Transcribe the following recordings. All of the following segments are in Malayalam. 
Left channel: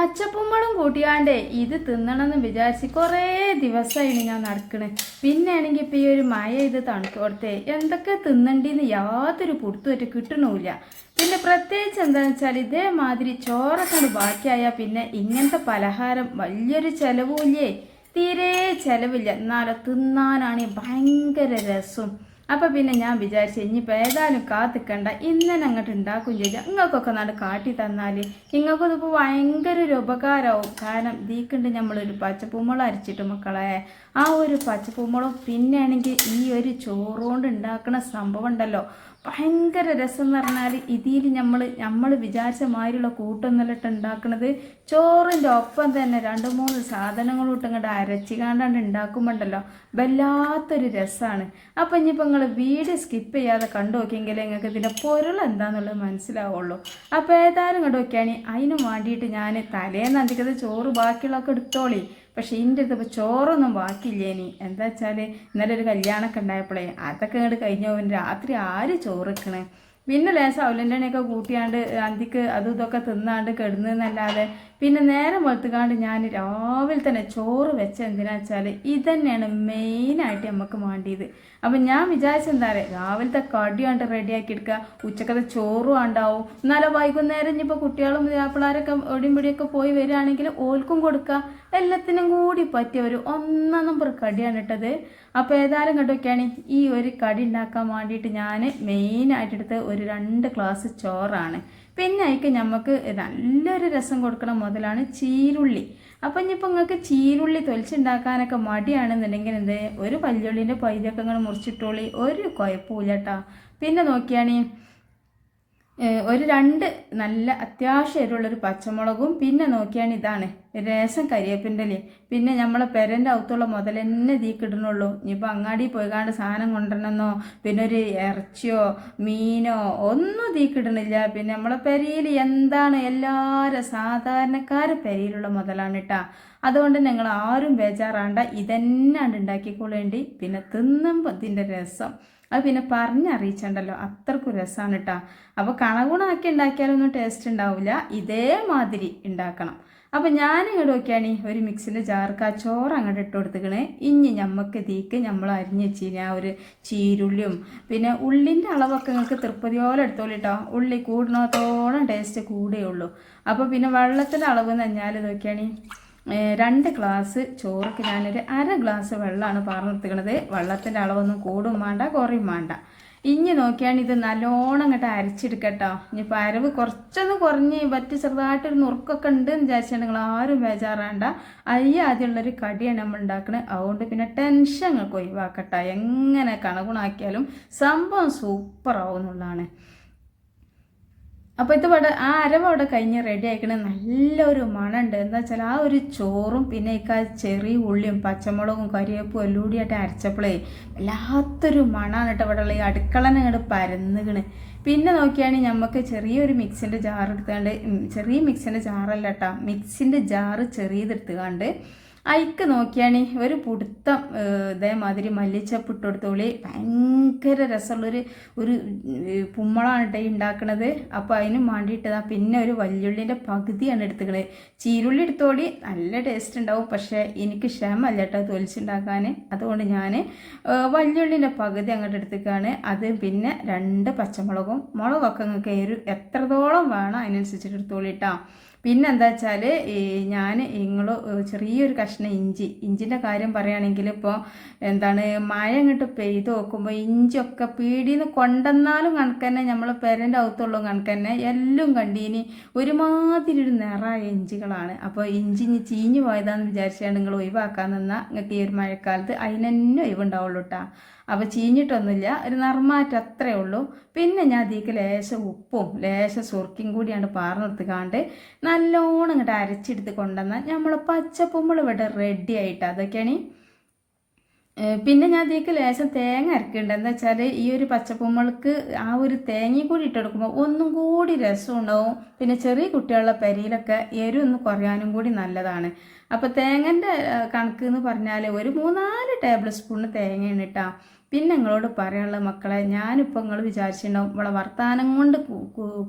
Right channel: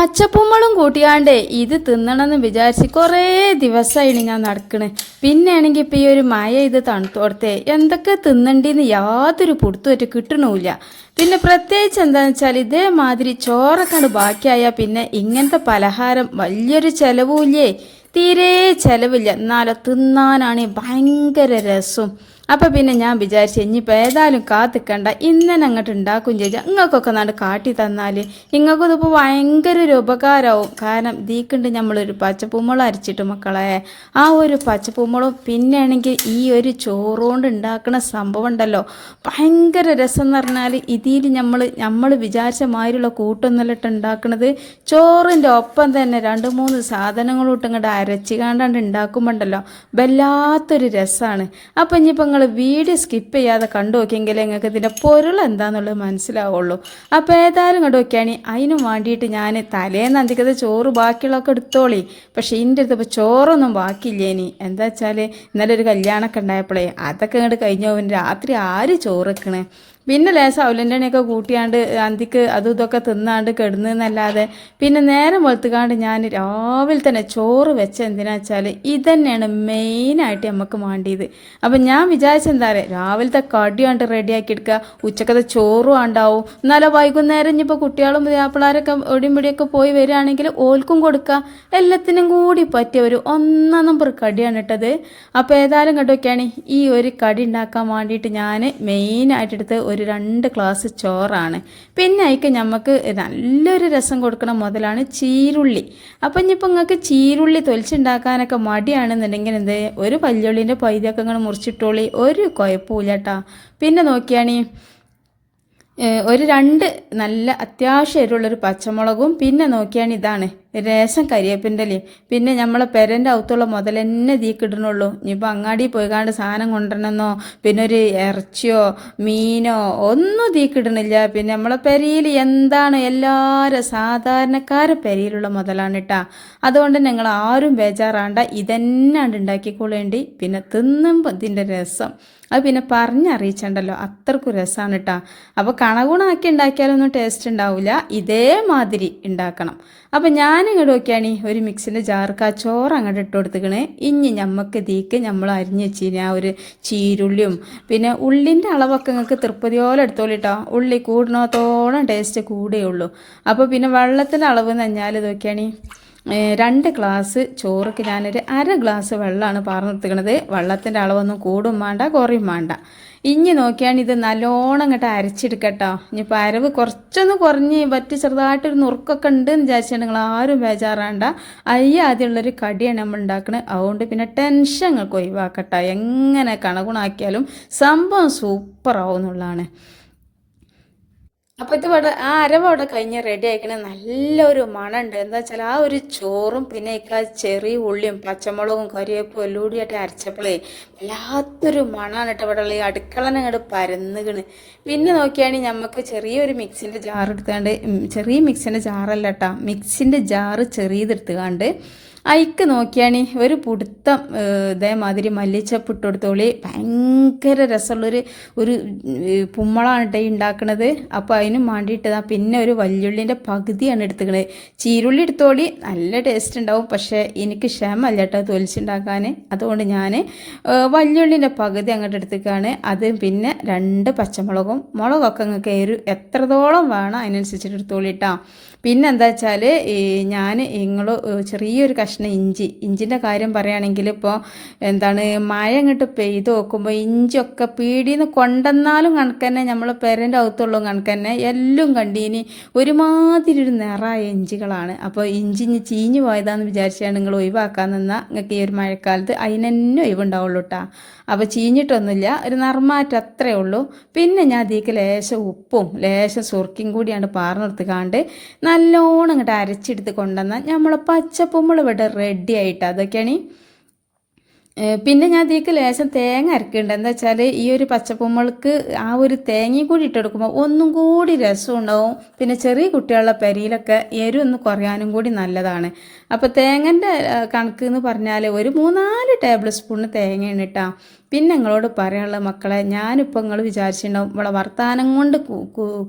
പച്ചപ്പുമ്മളും കൂട്ടിയാണ്ട് ഇത് തിന്നണമെന്ന് വിചാരിച്ച് കുറേ ദിവസമായിന് ഞാൻ നടക്കണ്. പിന്നെയാണെങ്കിൽ ഇപ്പം ഈ ഒരു മഴ ഇത് തണുത്തോടത്തെ എന്തൊക്കെ തിന്നണ്ടിന്ന് യാതൊരു പൊടുത്തുമായിട്ട് കിട്ടണമില്ല പിന്നെ പ്രത്യേകിച്ച് എന്താണെന്ന് വെച്ചാൽ ഇതേമാതിരി ചോറൊക്കെ ബാക്കിയായാൽ പിന്നെ ഇങ്ങനത്തെ പലഹാരം വലിയൊരു ചിലവുമില്ലേ തീരെ ചിലവില്ല. എന്നാലോ തിന്നാനാണെങ്കിൽ ഭയങ്കര രസവും അപ്പം പിന്നെ ഞാൻ വിചാരിച്ചു ഇനിയിപ്പോൾ ഏതായാലും കാത്തിക്കണ്ട ഇന്നലെ അങ്ങോട്ട് ഉണ്ടാക്കും ചേച്ചാ ഇങ്ങൾക്കൊക്കെ നാട് കാട്ടി തന്നാൽ ഇങ്ങൾക്കും ഇതിപ്പോൾ ഭയങ്കര ഒരു ഉപകാരമാവും. കാരണം ദീക്കുണ്ട് നമ്മളൊരു പച്ചപ്പൂമുളം അരച്ചിട്ട് മക്കളെ ആ ഒരു പച്ചപ്പൂമുളം പിന്നെയാണെങ്കിൽ ഈ ഒരു ചോറുകൊണ്ട് ഉണ്ടാക്കുന്ന സംഭവം ഉണ്ടല്ലോ. ഭയങ്കര രസം എന്ന് പറഞ്ഞാൽ ഇതിൽ നമ്മൾ നമ്മൾ വിചാരിച്ച മാതിരിയുള്ള കൂട്ടൊന്നുമല്ലിട്ട് ഉണ്ടാക്കുന്നത് ചോറിന്റെ ഒപ്പം തന്നെ രണ്ട് മൂന്ന് സാധനങ്ങളോട്ട് ഇങ്ങോട്ട് അരച്ച് കാണ്ടാണ്ട് ഉണ്ടാക്കുമ്പോണ്ടല്ലോ വല്ലാത്തൊരു രസമാണ് അപ്പം ഇനിയിപ്പോൾ വീഡിയോ സ്കിപ്പ് ചെയ്യാതെ കണ്ടു നോക്കിയെങ്കിലേ നിങ്ങൾക്ക് ഇതിന്റെ പൊരുൾ എന്താണെന്നുള്ളത് മനസ്സിലാവുള്ളൂ. അപ്പോൾ ഏതായാലും കണ്ടു നോക്കിയാണ് അതിനും വേണ്ടിയിട്ട് ഞാൻ തലേന്ന് അന്തിക്കത്തെ ചോറ് ബാക്കിയുള്ളതൊക്കെ എടുത്തോളി. പക്ഷേ ഇതിന്റെ അടുത്ത് ഇപ്പോൾ ചോറൊന്നും ബാക്കിയില്ല ഇനി? എന്താ വെച്ചാൽ ഇന്നലെ ഒരു കല്യാണമൊക്കെ ഉണ്ടായപ്പോഴേ അതൊക്കെ ഇങ്ങോട്ട് കഴിഞ്ഞ രാത്രി ആര് ചോറ് വെക്കണേ? പിന്നെ ലേശം അവലിന്റെ കൂട്ടിയാണ്ട് അന്തിക്ക് അതും ഇതൊക്കെ തിന്നാണ്ട് കിടന്നല്ലാതെ പിന്നെ നേരം വെളുത്തുകാണ്ട് ഞാൻ രാവിലെ തന്നെ ചോറ് വെച്ച എന്തിനാ വെച്ചാൽ ഇതന്നെയാണ് മെയിനായിട്ട് നമുക്ക് വേണ്ടിയത് അപ്പം ഞാൻ വിചാരിച്ചെന്താ പറയുക രാവിലത്തെ കടി റെഡിയാക്കി എടുക്കുക ഉച്ചക്കത്തെ ചോറും ഉണ്ടാവും എന്നാലും വൈകുന്നേരം ഇനിയിപ്പോൾ കുട്ടികളും പിള്ളേരൊക്കെ ഒടിയും പിടിയൊക്കെ പോയി വരികയാണെങ്കിൽ ഓൽക്കും കൊടുക്കുക എല്ലാത്തിനും കൂടി പറ്റിയ ഒരു ഒന്നാം നമ്പർ കടിയാണ് ഇട്ടത്. അപ്പോൾ ഏതായാലും കണ്ടൊക്കെയാണ് ഈ ഒരു കടി ഉണ്ടാക്കാൻ വേണ്ടിയിട്ട് ഞാൻ മെയിനായിട്ട് എടുത്ത് ഒരു രണ്ട് ഗ്ലാസ് ചോറാണ്. പിന്നെ അതിക്ക് നമുക്ക് നല്ലൊരു രസം കൊടുക്കണ മുതലാണ് ചീരുള്ളി. അപ്പം ഇനിയിപ്പോൾ നിങ്ങൾക്ക് ചീരുള്ളി തൊലിച്ചുണ്ടാക്കാനൊക്കെ മടിയാണെന്നുണ്ടെങ്കിൽ എന്ത്? ഒരു പല്ലുള്ളിന്റെ പൈതൊക്കെ ഇങ്ങനെ മുറിച്ചിട്ടോളി. ഒരു കുഴപ്പമില്ല കേട്ടോ പിന്നെ നോക്കിയാണീ ഒരു രണ്ട് നല്ല അത്യാവശ്യം എരിവുള്ളൊരു പച്ചമുളകും പിന്നെ നോക്കിയാണ് ഇതാണ് രസം കരിയേപ്പിന്റെ ഇലയും പിന്നെ നമ്മളെ പെരന്റെ അകത്തുള്ള മുതൽ തന്നെ തീക്കിടണുള്ളൂ ഇനിയിപ്പോൾ അങ്ങാടി പോയി പോയിക്കാണ്ട് സാധനം കൊണ്ടുവരണമെന്നോ പിന്നെ ഒരു ഇറച്ചിയോ മീനോ ഒന്നും തീക്കിടണില്ല പിന്നെ നമ്മളെ പെരയിൽ എന്താണ് എല്ലാവരും സാധാരണക്കാരെ പെരയിലുള്ള മുതലാണ് കേട്ടാ അതുകൊണ്ട് നിങ്ങൾ ആരും ബേജാറാണ്ട. ഇതന്നെ ഉണ്ടാക്കിക്കൊള്ളേണ്ടി പിന്നെ തിന്നുമ്പോൾ ഇതിന്റെ രസം. അത് പിന്നെ പറഞ്ഞറിയിച്ചണ്ടല്ലോ. അത്രക്കും രസമാണ് കേട്ടോ അപ്പോൾ കണകുണാക്കി ഉണ്ടാക്കിയാലൊന്നും ടേസ്റ്റ് ഉണ്ടാവില്ല ഇതേമാതിരി ഉണ്ടാക്കണം. അപ്പം ഞാൻ ഇങ്ങോട്ട് നോക്കിയാണ് ഒരു മിക്സിന്റെ ജാർക്ക് ആ ചോറ് അങ്ങോട്ട് ഇട്ട് കൊടുത്തിക്കണേ ഇനി ഞമ്മക്ക് തീക്ക് നമ്മൾ അരിഞ്ഞ് വെച്ചിന് ആ ഒരു ചീരുള്ളിയും. പിന്നെ ഉള്ളിന്റെ അളവൊക്കെ നിങ്ങൾക്ക് തൃപ്പതിയോളം പോലെ എടുത്തോളിട്ടോ. ഉള്ളി കൂടണത്തോളം ടേസ്റ്റ് കൂടുകയുള്ളൂ അപ്പോൾ പിന്നെ വെള്ളത്തിന്റെ അളവ് എന്ന് പറഞ്ഞാൽ നോക്കിയാണ് രണ്ട് ഗ്ലാസ് ചോറൊക്കെ ഞാനൊരു അര ഗ്ലാസ് വെള്ളമാണ് പറഞ്ഞു നിർത്തിക്കണത് വെള്ളത്തിന്റെ അളവൊന്നും കൂടും വേണ്ട കുറയും വേണ്ട. ഇഞ്ഞി നോക്കിയാണ് ഇത് നല്ലോണം അങ്ങോട്ട് അരച്ചെടുക്കട്ടോ. ഇനിയിപ്പോൾ അരവ് കുറച്ചൊന്ന് കുറഞ്ഞ് പറ്റി ചെറുതായിട്ടൊരു നുറുക്കൊക്കെ ഉണ്ട് എന്ന് വിചാരിച്ചിട്ടുണ്ടെങ്കിൽ ആരും ബേജാറാണ്ട. അയ്യ ആദ്യമുള്ളൊരു കടിയാണ് നമ്മൾ ഉണ്ടാക്കുന്നത് അതുകൊണ്ട് പിന്നെ ടെൻഷൻ നിങ്ങൾക്ക് ഒഴിവാക്കട്ടോ. എങ്ങനെ കണകുണാക്കിയാലും സംഭവം സൂപ്പറാവും എന്നുള്ളതാണ് അപ്പോൾ ഇത് ഇവിടെ ആ അരവ് അവിടെ കഴിഞ്ഞ് റെഡി ആക്കണ നല്ലൊരു മണമുണ്ട് എന്താ വെച്ചാൽ ആ ഒരു ചോറും പിന്നെ ഇക്ക ചെറിയ ഉള്ളിയും പച്ചമുളകും കറിവേപ്പും എല്ലാം കൂടിയായിട്ട് അരച്ചപ്പോഴേ വല്ലാത്തൊരു മണമാണ് കേട്ടോ ഇവിടെ ഉള്ള. ഈ അടുക്കളനെ ഇങ്ങോട്ട് പരന്നുകണ് പിന്നെ നോക്കിയാണെങ്കിൽ നമുക്ക് ചെറിയൊരു മിക്സിന്റെ ജാർ എടുത്തുകൊണ്ട് ചെറിയ മിക്സിന്റെ ജാറല്ല കേട്ടോ മിക്സിന്റെ ജാറ് ചെറിയതെടുത്തുകൊണ്ട് അയക്ക് നോക്കിയാണ് ഒരു പുടുത്തം ഇതേമാതിരി മല്ലിച്ചപ്പ് ഇട്ട് ഭയങ്കര രസമുള്ളൊരു ഒരു പുമ്മളാണ് കേട്ടോ ഉണ്ടാക്കണത് അപ്പോൾ അതിന് വേണ്ടിയിട്ട് പിന്നെ ഒരു വല്യുള്ളിന്റെ പകുതിയാണ് എടുത്തുക്കണത് ചീരുള്ളി എടുത്തോളി നല്ല ടേസ്റ്റ് ഉണ്ടാവും പക്ഷേ എനിക്ക് ക്ഷമല്ല കേട്ടോ തൊലിച്ചുണ്ടാക്കാൻ അതുകൊണ്ട് ഞാൻ വല്യുള്ളിന്റെ പകുതി അങ്ങോട്ട് എടുത്തേക്കാണ്. അത് പിന്നെ രണ്ട് പച്ചമുളകും. മുളകൊക്കെ നിങ്ങൾക്ക് എരു എത്രത്തോളം വേണം അതിനനുസരിച്ചിട്ട് എടുത്തോളി കേട്ടോ പിന്നെ എന്താ വെച്ചാൽ ഞാൻ നിങ്ങൾ ചെറിയൊരു കഷ്ണം ഇഞ്ചി. ഇഞ്ചിന്റെ കാര്യം പറയുകയാണെങ്കിൽ ഇപ്പോൾ എന്താണ് മഴ ഇങ്ങോട്ട് പെയ്ത് നോക്കുമ്പോൾ ഇഞ്ചിയൊക്കെ പീടിയിൽ കൊണ്ടെന്നാലും കണക്ക് തന്നെ നമ്മൾ പെരന്റെ അകത്തുള്ള കണക്ക് തന്നെ എല്ലാം കണ്ടീനി ഒരുമാതിരി ഒരു നിറായ ഇഞ്ചികളാണ്. അപ്പോൾ ഇഞ്ചി ഇഞ്ചി ചീഞ്ഞു പോയതാണെന്ന് വിചാരിച്ചാണ് നിങ്ങൾ ഒഴിവാക്കാൻ നിന്നാൽ നിങ്ങൾക്ക് ഈ ഒരു മഴക്കാലത്ത് അതിനെന്നെ ഒഴിവുണ്ടാവുള്ളൂ കേട്ടോ അപ്പോൾ ചീഞ്ഞിട്ടൊന്നുമില്ല. ഒരു നർമാറ്റ് അത്രേ ഉള്ളൂ. പിന്നെ ഞാൻ അതിലേക്ക് ലേശം ഉപ്പും ലേശം സുർക്കിയും കൂടിയാണ് പാർന്നെടുത്തുകാണ്ട് നല്ലോണം ഇങ്ങോട്ട് അരച്ചെടുത്ത് കൊണ്ടുവന്നാൽ നമ്മൾ പച്ചപ്പുമ്പോൾ ഇവിടെ റെഡി ആയിട്ട് അതൊക്കെയാണ്. പിന്നെ ഞാൻ അതിലേക്ക് ലേശം തേങ്ങ അരക്കുന്നുണ്ട്. എന്താ വെച്ചാൽ ഈ ഒരു പച്ചപ്പുമ്മൾക്ക് ആ ഒരു തേങ്ങയും കൂടി ഇട്ടെടുക്കുമ്പോൾ ഒന്നും കൂടി രസം ഉണ്ടാവും. പിന്നെ ചെറിയ കുട്ടികളുടെ പരിയിലൊക്കെ എരിവ് ഒന്ന് കുറയാനും കൂടി നല്ലതാണ്. അപ്പോൾ തേങ്ങന്റെ കണക്ക് എന്ന് പറഞ്ഞാൽ ഒരു മൂന്നാൽ ടേബിൾ സ്പൂണ് തേങ്ങയാണ് കേട്ടോ പിന്നെ നിങ്ങളോട് പറയാനുള്ള മക്കളെ ഞാനിപ്പോൾ നിങ്ങൾ വിചാരിച്ചിട്ടുണ്ടാവും ഇവിടെ വർത്തമാനം കൊണ്ട്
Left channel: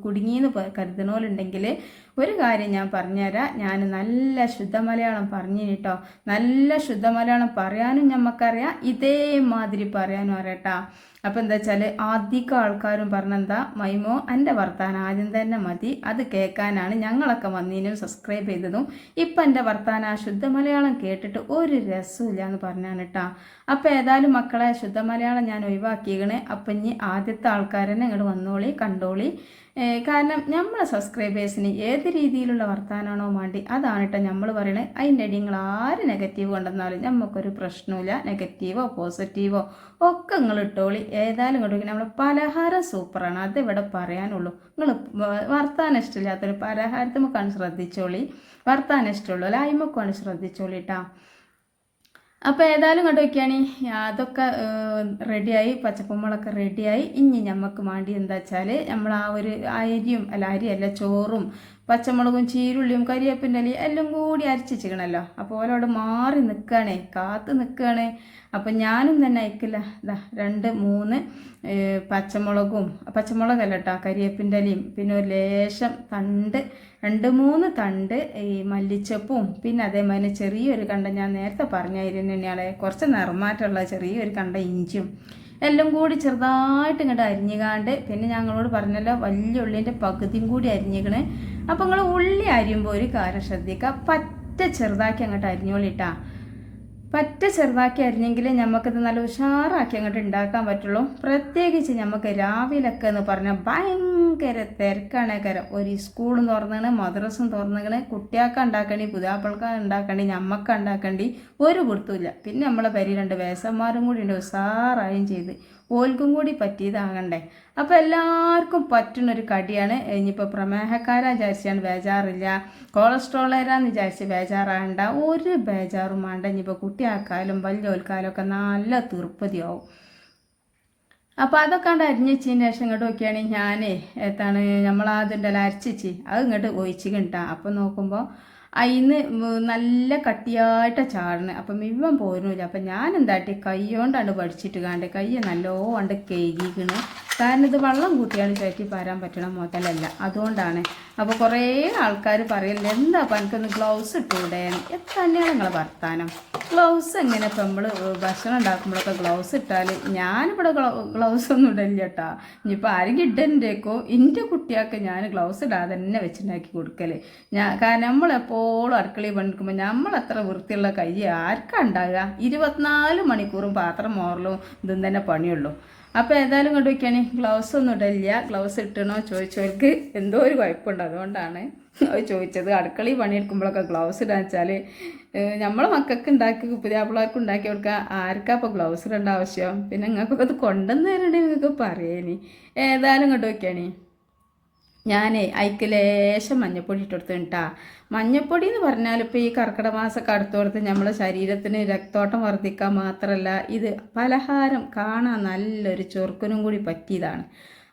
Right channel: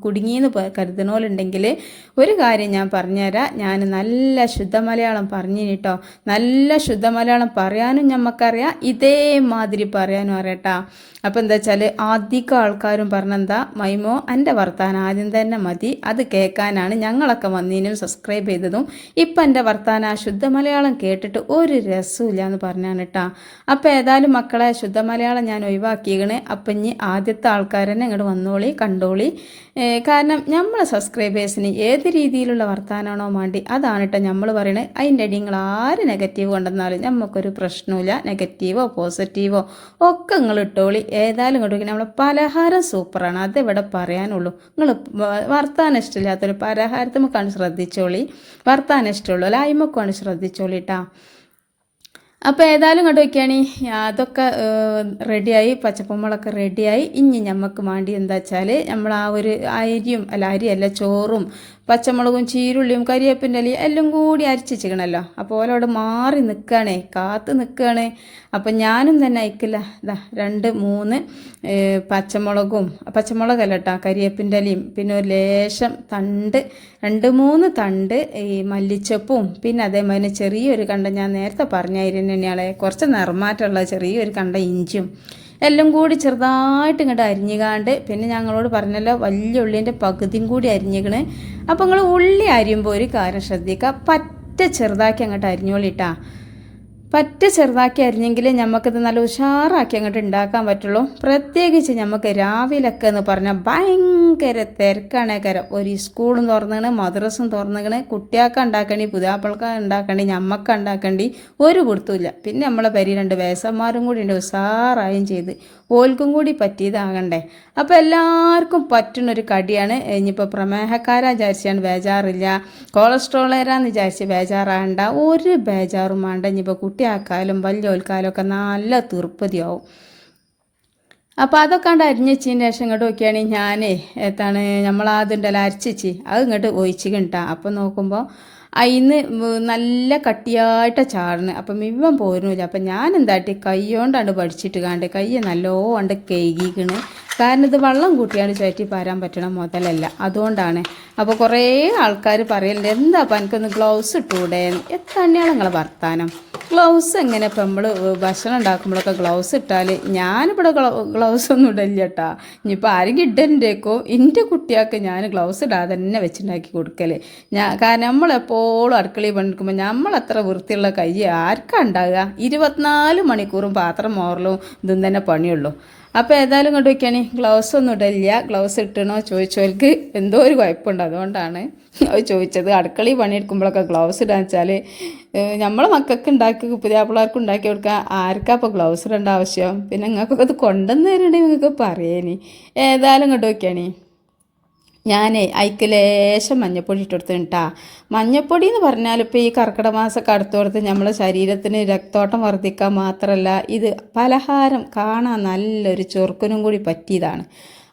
കുടുങ്ങിയെന്ന് കരുതണോലുണ്ടെങ്കിൽ ഒരു കാര്യം ഞാൻ പറഞ്ഞുതരാം. ഞാൻ നല്ല ശുദ്ധ മലയാളം പറഞ്ഞു കേട്ടോ. നല്ല ശുദ്ധ മലയാളം പറയാനും ഞമ്മക്കറിയാം. ഇതേമാതിരി പറയാനും അറിയട്ടാ അപ്പോൾ എന്താ വെച്ചാൽ അധികം ആൾക്കാരും പറഞ്ഞെന്താ? മൈമോ എന്റെ വർത്താനം ആദ്യം തന്നെ മതി. അത് കേൾക്കാനാണ് ഞങ്ങളൊക്കെ വന്നതിനും സബ്സ്ക്രൈബ് ചെയ്തതും. ഇപ്പം എന്റെ വർത്താനം ആ ശുദ്ധ മലയാളം കേട്ടിട്ട് ഒരു രസമില്ല എന്ന് പറഞ്ഞാണ് കേട്ടോ. അപ്പോൾ ഏതായാലും മക്കളെ ശുദ്ധ മലയാളം ഞാൻ ഒഴിവാക്കിയേക്കണേ അപ്പം ഇനി ആദ്യത്തെ ആൾക്കാർ തന്നെ ഇങ്ങോട്ട് വന്നോളി കണ്ടോളി. കാരണം നമ്മളെ സബ്സ്ക്രൈബേഴ്സിന് ഏത് രീതിയിലുള്ള വർത്താനമാണോ വേണ്ടി അതാണ് കേട്ടോ നമ്മൾ പറയണത് അതിന്റെ അടി നിങ്ങൾ ആര് നെഗറ്റീവ് കൊണ്ടുവന്നാലും നമുക്കൊരു പ്രശ്നമില്ല നെഗറ്റീവോ പോസിറ്റീവോ ഒക്കെ നിങ്ങൾ ഇട്ടോളി. ഏതായാലും ഇങ്ങോട്ട് നമ്മളെ പലഹാരം സൂപ്പറാണ് അത് ഇവിടെ പറയാനുള്ളൂ? നിങ്ങൾ വർത്താനം ഇഷ്ടമില്ലാത്തൊരു പലഹാരത്തുമൊക്കെയാണ് ശ്രദ്ധിച്ചോളി. വർത്താനം ഇഷ്ടമുള്ളൂ ലായ്മക്കാണ് ശ്രദ്ധിച്ചോളി കേട്ടോ അപ്പോൾ ഏതായാലും കണ്ടു നോക്കിയാണ്. അതൊക്കെ റെഡിയായി പച്ചപ്പുമ്പളൊക്കെ റെഡിയായി. ഇനി നമുക്ക് വേണ്ടി എന്താ വെച്ചാൽ നമ്മൾ ആ ഒരു അരിയും അല്ല അരിയല്ല ചോറും പച്ചമുളകും ചീരുള്ളിയും കരിയേപ്പിന്റെ ഇലയും എല്ലാം കൂടി അരച്ചിച്ചിക്കണല്ലോ അപ്പോൾ ഓലോട് മാറി നിൽക്കുകയാണേ കാത്ത് നിൽക്കുകയാണ്. അപ്പം ഞാനും തന്നെ അയക്കില്ല ഇതാ രണ്ട് മൂന്ന് പച്ചമുളകും പച്ചമുളകല്ല കേട്ടോ കരിയേപ്പിന്റെ ഇലയും. പിന്നെ ഒരു ലേശം തണ്ട് രണ്ട് മൂന്ന് തണ്ട് ഈ മല്ലിച്ചപ്പും. പിന്നെ അതേമാതിരി ചെറിയൊരു കണ്ട ഞാൻ നേരത്തെ പറഞ്ഞായിരുന്നു തന്നെയാളെ കുറച്ച് നിറമാറ്റമുള്ള ചെറിയൊരു കണ്ട ഇഞ്ചിയും. എല്ലാം കൂടി ചെറുതായിട്ട് ഇങ്ങോട്ട് അരിഞ്ഞുകാണ്ട് പിന്നെ ഞങ്ങളോട് പറഞ്ഞല്ലോ വലിയ ഉള്ളിന്റെ പകുതിയും കൂടി അരിഞ്ഞിക്കണ്. അപ്പോൾ നിങ്ങൾ ഉള്ളി അരിയുമ്പോൾ ഒരു കാര്യം ശ്രദ്ധിക്കുക. പറ്റ ചെറുതാക്കി അങ്ങോട്ട് അരിഞ്ഞോളിട്ടാ. പറ്റ ചെറുതാക്കി അരിഞ്ഞെങ്കിൽ നമുക്കിത് നല്ല ഉഷാറാക്കി അങ്ങോട്ട് ഉണ്ടാക്കാൻ പറ്റുള്ളൂ. പ്രത്യേകിച്ച് നമുക്ക് രാവിലൊക്കെ എന്ന് പറഞ്ഞാൽ ഭയങ്കര തിരക്കാണ്. ഒരു സ്കൂളും തുറന്നാണ് മദ്രസും തുറന്നാണ് കുട്ടിയാക്ക ഉണ്ടാക്കണ്ടി പുതാപ്പിളക്ക ഉണ്ടാക്കണ്ടി ഞമ്മക്ക ഉണ്ടാക്കണ്ടി ഒരു കൊടുത്തുമില്ല പിന്നെ നമ്മളെ പരി രണ്ട് വേസന്മാരും കൂടി ഉണ്ട് ഉഷാറായും ചെയ്ത്. ഓൽക്കും കൂടി പറ്റിയതാകണ്ടേ. അപ്പോൾ എല്ലാവർക്കും പറ്റുന്നൊരു കടിയാണ്. ഇനിയിപ്പോൾ പ്രമേഹക്കാരാ വിചാരിച്ചാണ് ബേജാറില്ല. കൊളസ്ട്രോളേരാന്ന് വിചാരിച്ച് ബേജാറാകണ്ട. ഒരു ബേജാറും വേണ്ട ഇനിയിപ്പോൾ കുട്ടിയാക്കാലും വലിയോൽക്കാലും ഒക്കെ നല്ല തീർപ്പതിയാവും. അപ്പോൾ അതൊക്കെ കണ്ട് അരിഞ്ഞച്ചതിന് ശേഷം ഇങ്ങോട്ട് നോക്കിയാണെങ്കിൽ ഞാനേ എത്താണ് നമ്മളാദ്യം അതുണ്ടല്ലോ അരച്ചിച്ച്. അത് ഇങ്ങോട്ട് ഒഴിച്ച് കിട്ടാം. അപ്പം നോക്കുമ്പോൾ അതിന്ന് നല്ല കട്ടിയായിട്ട് ചാടണ് അപ്പം ഇവൻ പോരുന്നില്ല. അപ്പം ഞാൻ എന്താട്ടി കൈ കൊണ്ടാണ് പഠിച്ചിട്ട് കാണ്ട് കൈ നല്ലോണ്ട് കഴുകിക്കണ്. കാരണം ഇത് വെള്ളം കൂട്ടിയാണ് ചേറ്റി പാരാൻ പറ്റണ മുതലല്ല. അതുകൊണ്ടാണ്. അപ്പോൾ കുറേ ആൾക്കാർ പറയലുണ്ട് എന്താ അപ്പം എനിക്കൊന്ന് ഗ്ലൗസ് ഇട്ടൂടെ? എത്തന്നെയാണ് നിങ്ങളെ വർത്താനം? ഗ്ലൗസ് എങ്ങനെ ഇപ്പം നമ്മൾ ഭക്ഷണം ഉണ്ടാക്കുമ്പോഴൊക്കെ ഗ്ലൗസ് ഇട്ടാൽ ഞാനിവിടെ ഗ്ലൗസ് ഒന്നും ഇടില്ല കേട്ടാ ഇനിയിപ്പോൾ ആരെങ്കിലും ഇടണ്ടേക്കോ എന്റെ കുട്ടിയൊക്കെ ഞാൻ ഗ്ലൗസ് ഇടാതെ തന്നെ വെച്ചുണ്ടാക്കി കൊടുക്കൽ ഞാൻ കാരണം നമ്മളെപ്പോഴും അടുക്കളയിൽ പണിക്കുമ്പോൾ നമ്മൾ അത്ര വൃത്തിയുള്ള കൈ ആർക്കാ ഉണ്ടാകുക ഇരുപത്തിനാല് മണിക്കൂറും പാത്രം മോറലും ഇതും തന്നെ പണിയുള്ളൂ. അപ്പോൾ ഏതായാലും ഇങ്ങോട്ട് വയ്ക്കുകയാണ് ഗ്ലൗസ് ഒന്നും ഇടില്ല ഗ്ലൗസ് ഇട്ടണോ ചോദിച്ചവർക്ക് എന്തോ ഒരു കുഴപ്പമുണ്ട്. അതുകൊണ്ടാണ് അവർ ചോദിച്ചത്. അടുക്കളയിൽ പണിയെടുക്കുമ്പോഴൊക്കെ ഗ്ലൗസ് ഇടാന്ന് വെച്ചാൽ നമ്മളെ മക്കൾക്ക് ഉണ്ടാക്കി പുതിയാപ്പിള്ളേർക്ക് ഉണ്ടാക്കി കൊടുക്കാൻ ആർക്കാ അപ്പോൾ ഗ്ലൗസ് ഇടേണ്ട ആവശ്യം? പിന്നെ നിങ്ങൾക്കൊക്കെ അത് കൊണ്ടുവന്ന് നിങ്ങൾക്ക് പറയേനി. ഏതായാലും ഇങ്ങോട്ട് വയ്ക്കുകയാണ് ഞാനേ അതിക്ക് ലേശം മഞ്ഞപ്പൊടി ഇട്ടെടുത്ത് കേട്ടാ മഞ്ഞപ്പൊടി എന്ന് പറഞ്ഞാൽ ഇപ്പോൾ ഈ കർക്കിടക മാസമൊക്കെ അടുത്ത് നമ്മളെ ശരീരത്തിന് രക്തോട്ടം വർദ്ധിക്കാൻ മാത്രമല്ല ഇത് പലഹാരം കാണാൻ നല്ലൊരു ചൊറുക്കനും കൂടി പറ്റിയതാണ്.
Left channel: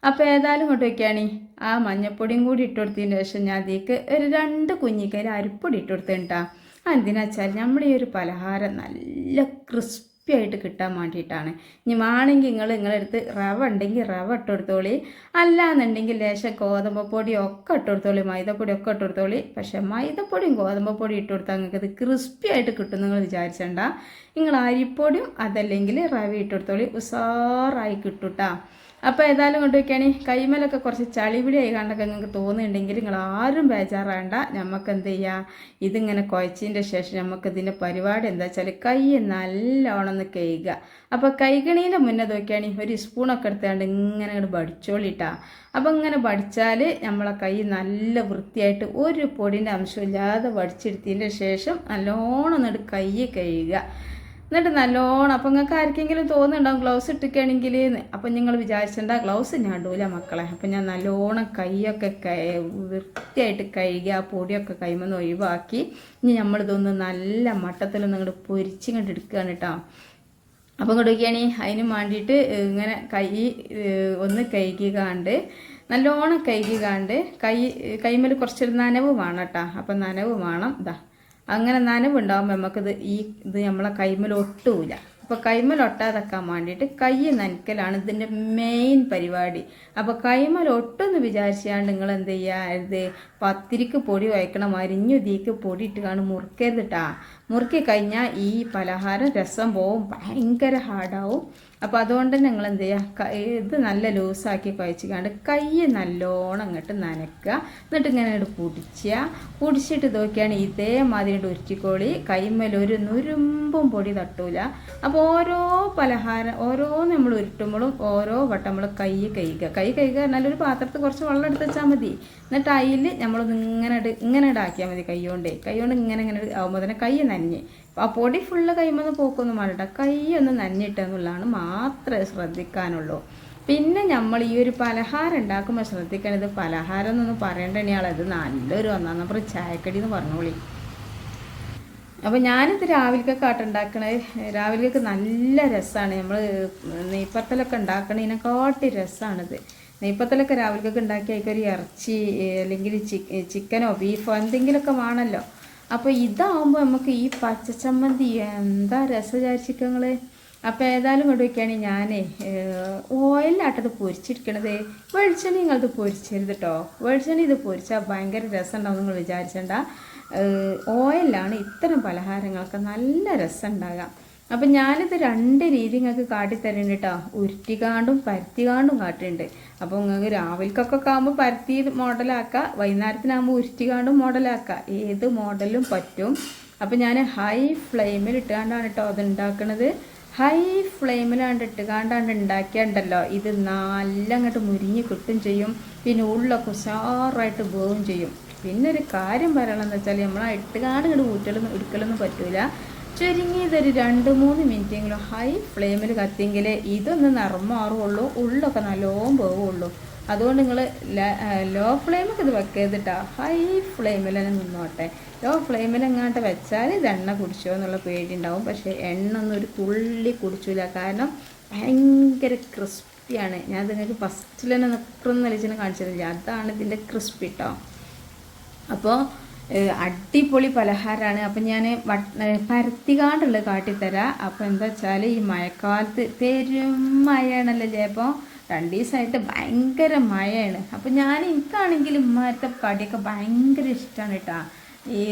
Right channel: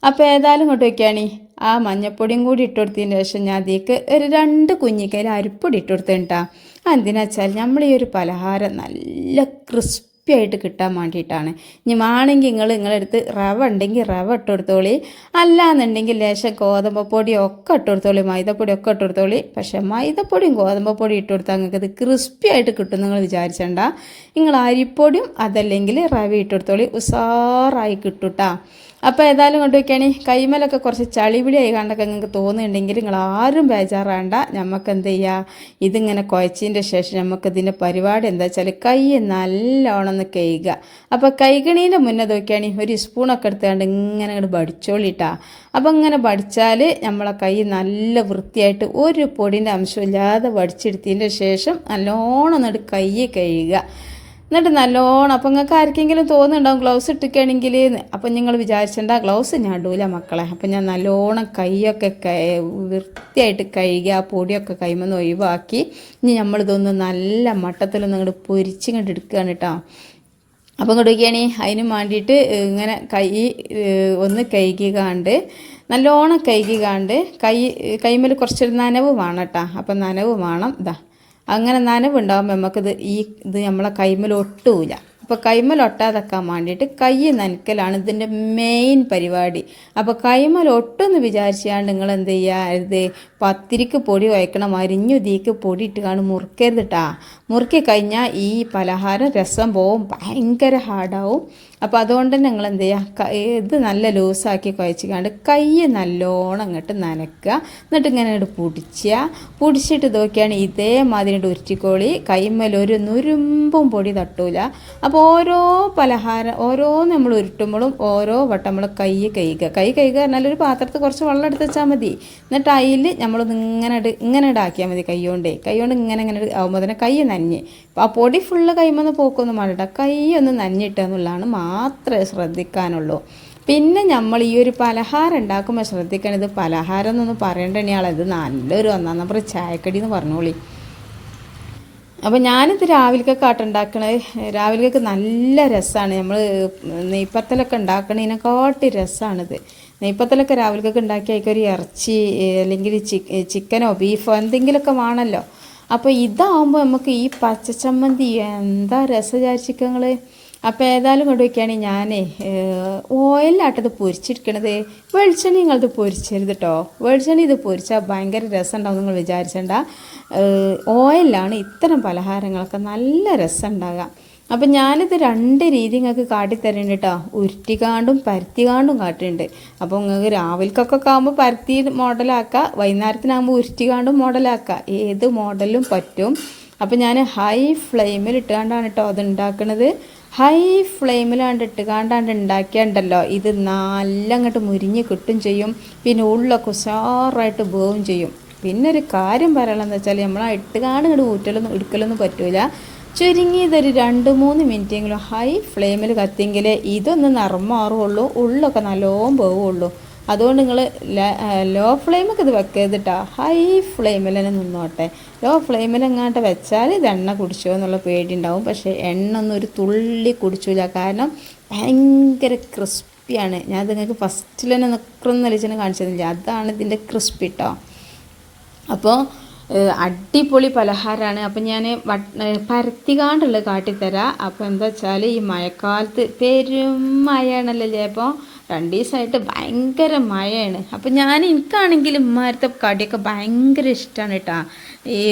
അപ്പോൾ ഏതായാലും ഇങ്ങോട്ട് വയ്ക്കുകയാണ് ആ മഞ്ഞപ്പൊടിയും കൂടി ഇട്ടുകൊടുത്തതിന് ശേഷം ഞാൻ അതിലേക്ക് ഒരു രണ്ട് കുഞ്ഞിക്കയിൽ അരിപ്പൊടി ഇട്ടുകൊടുത്ത് കേട്ടാ എന്തിനാ വെച്ചാൽ നമ്മൾ ഈ ഒരു പലഹാരം നല്ല ക്രിസ്പി ആയിട്ട് കിട്ടാൻ വേണ്ടിയിട്ടാണ്. ഇനി വേണമെങ്കിൽ നിങ്ങൾ നിങ്ങളെടുത്ത് റവ ഉണ്ടെങ്കിൽ റവ ഇട്ട് കൊടുത്തോളി അല്ലാന്നുണ്ടെങ്കിൽ ലേശം ഗോതമ്പ് പൊടി ഒക്കെ ഇട്ട് കൊടുത്തോളി മൈദപ്പൊടി ഒക്കെ ഇട്ട് കൊടുത്തോളി പക്ഷേ മൈദപ്പൊടിയും ഗോതമ്പ് പൊടി ഇട്ട് കൊടുത്താൽ നിങ്ങൾക്ക് ഇത് ക്രിസ്പി ആയിട്ട് കിട്ടും നിങ്ങൾ വിചാരിച്ചണ്ട. നിങ്ങൾ അരിപ്പൊടിയും അതല്ലെങ്കിൽ റവ ഇട്ട് കൊടുത്തോളി. ഉസാറായി കിട്ടുട്ടാ അപ്പോൾ ഏതായാലും കൊണ്ട് കൈമലൊക്കെ കുറച്ച് ചളിപിടിയായി കണ്ടൊക്കെ നിങ്ങൾക്ക് തോന്നുന്നുണ്ടെങ്കിൽ നിങ്ങൾ ആരും ബേജാറാണ്ട. നമുക്ക് എന്ത് ചെയ്യുക ഇതിങ്ങനെ കുഴച്ചതിന്റെ ശേഷം നമുക്ക് ഇതിന്റെ പരിപാടി എന്താ വെച്ചാൽ കൈ നല്ലോണം ഒന്ന് കഴുകുക. അപ്പോൾ കൈകണീന്റെ മുന്നേ നോക്കിയാണെങ്കിൽ ഒരു സ്പൂണൊക്കെ എടുത്തുകൊണ്ട് ഇങ്ങനെ അങ്ങോട്ട് പഠിച്ചോളിട്ടാ അപ്പോൾ ഇങ്ങനെ പഠിച്ചാൽ നമ്മളെ കൈ നല്ല വൃത്തിയായിട്ട് ഒരു പൊടിന്റെ അംശമില്ലാതെ പഠിച്ചെടുത്തതിന്റെ ശേഷം നല്ലോണം എന്നിട്ട് കൈ കഴുകുക. എന്നിട്ട് നല്ലോണം അപ്പം നിങ്ങൾക്ക് ആർക്കെങ്കിലും തോന്നുന്നുണ്ടാവും ഗ്ലൗസ് ഇട്ടിക്കണമെങ്കിൽ അപ്പം നിങ്ങൾ വിചാരിച്ചിട്ടുണ്ട ഗ്ലൗസ് ഞാൻ ഇടൂല മക്കളെ. അപ്പം ഞാൻ നല്ലോണം കൈയൊക്കെ വൃത്തിയായിട്ട് കഴുകി ആ പൊടിയൊക്കെ കൈമെന്ന് ഒഴിവാക്കി ഇനി നമ്മളിതൊന്ന് നല്ല മട്ടത്തിൽ അങ്ങോട്ട് പൊരിച്ചിങ്ങോട്ട് എടുക്കുകയാണ് കേട്ടോ അപ്പം കൊടുക്കുകയാണ് അതിന് വേണ്ടിയിട്ട് ഇങ്ങനെ കൈ ഒന്ന് കഴുകി കാണ്ട് നല്ലോണം കഴുകി കാണ്ട് കൈ കൈമേൽ കുറച്ചൊരു നനവ് വേണം കേട്ടോ അപ്പം നനവ് വേണം ഇതാ അങ്ങനെ നനവുണ്ടാകുമ്പോൾ നമുക്കിത് ഈ ഇത് നമ്മളെ കൈമൽ ഒട്ടൂല. അപ്പോൾ കൈമൽ ഒട്ടാതെക്കാൻ വേണ്ടിയിട്ട് കൈ നനക്കലാണ് ഇതിന്റെ മെയിൻ പരിപാടി. അപ്പോൾ കൈമൽ ഒട്ടെന്ന് വിചാരിച്ചാണ്ട് നിങ്ങൾ എന്ത് ചെയ്യുക ഇത് പത്തിരിക്ക് പൊടി വയ്ക്കണം അരിഞ്ഞുതിക്ക് പൊടി ഇട്ട് കാണും മുറുക്കരുതിട്ടാ മുറുക്കി കഴിഞ്ഞാൽ ഈ പലഹാരം രസം പോവും. ഭയങ്കര ഹാർഡാവും അപ്പോൾ അതുകൊണ്ട് നിങ്ങൾ എന്ത് ചെയ്യുക ഇത് നല്ല ലൂസാക്കി കുഴച്ചിക്കാണ്ട് കൈ നല്ലോണം അങ്ങോട്ട് നനക്കുക. എന്നിട്ട് ഇങ്ങനെ അങ്ങോട്ട് പൊടിച്ചുക പൊടിച്ചിട്ട് നോക്കിയാണ് ഇതേമാതിരി ഉരുറ്റിക്കോളി കൈമേൽ ഒരു നുരുമ്പും പൊടി തട്ടൂല. അപ്പോൾ ഓരോ പലഹാരം ഓരോ നമ്മൾ ഉരുട്ടുമ്പോഴും ഓരോ വട്ടം നമ്മൾ കൈ കഴുകുക. കൈ കഴുകുക പറഞ്ഞാൽ ഒരു പാത്രത്തിൽ കുറച്ച് വെള്ളം എടുത്ത് വെച്ചാൽ മതി. എന്നിട്ട് അതിൽ നമ്മൾ ഇങ്ങനെ ഇങ്ങനെ ഇടാക്കിയാൽ മതി കൈ കൊണ്ടേ. കൈ കൊണ്ട് ഇങ്ങനെ ഇങ്ങനെ ആകുമ്പോൾ തന്നെ കൈ നനഞ്ഞ്. അപ്പോൾ ആ പൊടി ഫുള്ള് കൈമന്ന് പോക്കൊന്നും വേണ്ട കൈ ഒന്ന് നനഞ്ഞിട്ടെന്നുള്ളതാണ് മാത്രമേ ശ്രദ്ധിക്കാനുള്ളൂ. പിന്നെ നമ്മൾ ഈ ഒരു പലഹാരം ഉണ്ടാക്കുമ്പോൾ ശ്രദ്ധിക്കണം. ഇത് പലഹാരം എന്നൊന്നും പറയേണ്ടണിയാളെ ഇത് നല്ലൊരു ഒന്നാം. നമ്പർ ചായക്കടി എന്ന് പറഞ്ഞോളി. അപ്പോൾ ഞാനിത് രാവിലേക്കൊക്കെ ആട്ടുണ്ടാക്കണത് രാവിലേക്കൊക്കെ നല്ല രസമാണ് നമ്മൾ നെയ്പ്പത്തലൊക്കെ ഉണ്ടാക്കണതിനെക്കാട്ടി രസമാണിത് നെയ്പ്പത്തലൊക്കെ രാവിലേക്കൊക്കെ ഉണ്ടാക്കി അതിലേക്ക് ഒരു ഇറച്ചി അല്ലെങ്കിൽ ചിക്കനോ ബീഫോ എന്തെങ്കിലുമൊക്കെ വേണമല്ലോ അപ്പോൾ ഇതാവുമ്പോൾ നമുക്ക് ഈ പച്ചച്ചമ്മന്തി എന്താ രസചാരിച്ചിക്കങ്ങൾ അപ്പം അപ്പോൾ ഏതായാലും കൊണ്ട് വയ്ക്കുകയാണെങ്കിൽ ഞാനേ ഓയിലാട്ടത് പൊരിച്ചെടുക്കണത് വെളിച്ചെണ്ണ നിങ്ങളത് പൊരിച്ചരുത് കേട്ടോ വെളിച്ചെണ്ണ ഇത് പൊരിച്ചാൽ ഭയങ്കര രസം ഉണ്ടാവും നിങ്ങൾ വിചാരിച്ചണ്ട. ഓയിലാണ് ഇത്തരം പലഹാരങ്ങളൊക്കെ നല്ല രസം ഉണ്ടാകുക അപ്പം ഞാനിത് രണ്ട് രീതി നിങ്ങൾക്ക് കാട്ടിത്തരുന്നുണ്ട് കേട്ടോ ഉരുട്ടിക്കാണ്ടും പരത്തിക്കാണ്ടും കാട്ടുന്നുണ്ട് അപ്പോൾ നിങ്ങൾക്ക് രാവിലേക്കൊക്കെ ആകുമ്പോൾ പരത്തി മോഡലാക്കുക വൈകുന്നേരത്തിനാകുമ്പോൾ ഉരുട്ടിക്കാണ്ടും മോഡലാക്കുക ഏത് മോഡലും പറ്റും. അപ്പം ഞാൻ ഹൈ ഫ്ലെയിമിൽ ഇട്ടുകൊണ്ടാണ് കേട്ടോ അത് ഉണ്ടാക്കുന്നത് ഹൈ ഫ്ലെയിമിലാണ്ട് ഇട്ടുകാണ്ടാണ്ട് ഉണ്ടാക്കിയാണ്ടല്ലോ ഇത് നല്ല അങ്ങോട്ട് മുരിഞ്ഞ് കിട്ടും ചെയ്യും. പിന്നെ ഉള്ളൊക്കെ ഉഷാറായിട്ട് വേവും ചെയ്യും. പിന്നെ ഒരു കാര്യം പറയണമെന്ന് വെച്ചാൽ നമ്മൾ ഇട്ടുകാണ്ട് ഇങ്ങോട്ട് ഊറ്റലൊന്നും എടുക്കലൊന്നും പറ്റൂല. ചുരുങ്ങിയതൊരു രണ്ട് മൂന്ന് മിനിറ്റെങ്കിലും ഹൈ ഫ്ലെയിമിൽ കത്തിയെങ്കിലേ ഇതൊന്ന് നിറം മാറുള്ളൂ ഉള്ളൊക്കെ നല്ലോണം പോവുള്ളൂ അതുകൊണ്ട് നിങ്ങൾ ലോ ഫ്ലെയിമൊക്കെ ഇത് വെക്കരുതിട്ടാ ഹൈ ഫ്ലെയിമിൽ തന്നെ നിന്നോട്ടെ. ലോ ഫ്ലെയിമിൽ എങ്ങാണ്ട് വെച്ചാൽ ഇത് എണ്ണ കുടിച്ചോ എന്നുള്ള പേടി ഉണ്ടാവും പക്ഷേ എണ്ണ ഒന്നും ഒരു തുള്ളി കുടിച്ചില്ല കാരണം ഭയങ്കര ക്രിസ്പിയാണ് ഞാൻ നിങ്ങൾക്ക് ഫസ്റ്റിൽ തന്നെ നിൽക്കുന്ന നിലച്ചിനെ കാണിച്ചതില്ല? അതാണ് ഇതിന്റെ ക്രിസ്പി കേട്ടോ അപ്പോൾ അടിപൊളി പലഹാരമാണ് അപ്പം ഞാൻ പരത്തികാണ്ടുള്ളത് കാട്ടിത്തരാം. അപ്പോൾ എന്താ വെച്ചാൽ ഈ മഴക്കാലത്ത് പെരും മഴയാണല്ലോ ചിലപ്പോൾ രണ്ട് ദിവസമായിട്ട് ഭയങ്കര മഴയാണ്. അപ്പം ഞാൻ എനിക്കാണെങ്കിൽ ഉമ്മാരത്തെ കടിയൊക്കെ ഭയങ്കര ഇഷ്ടമാണ് കേട്ടോ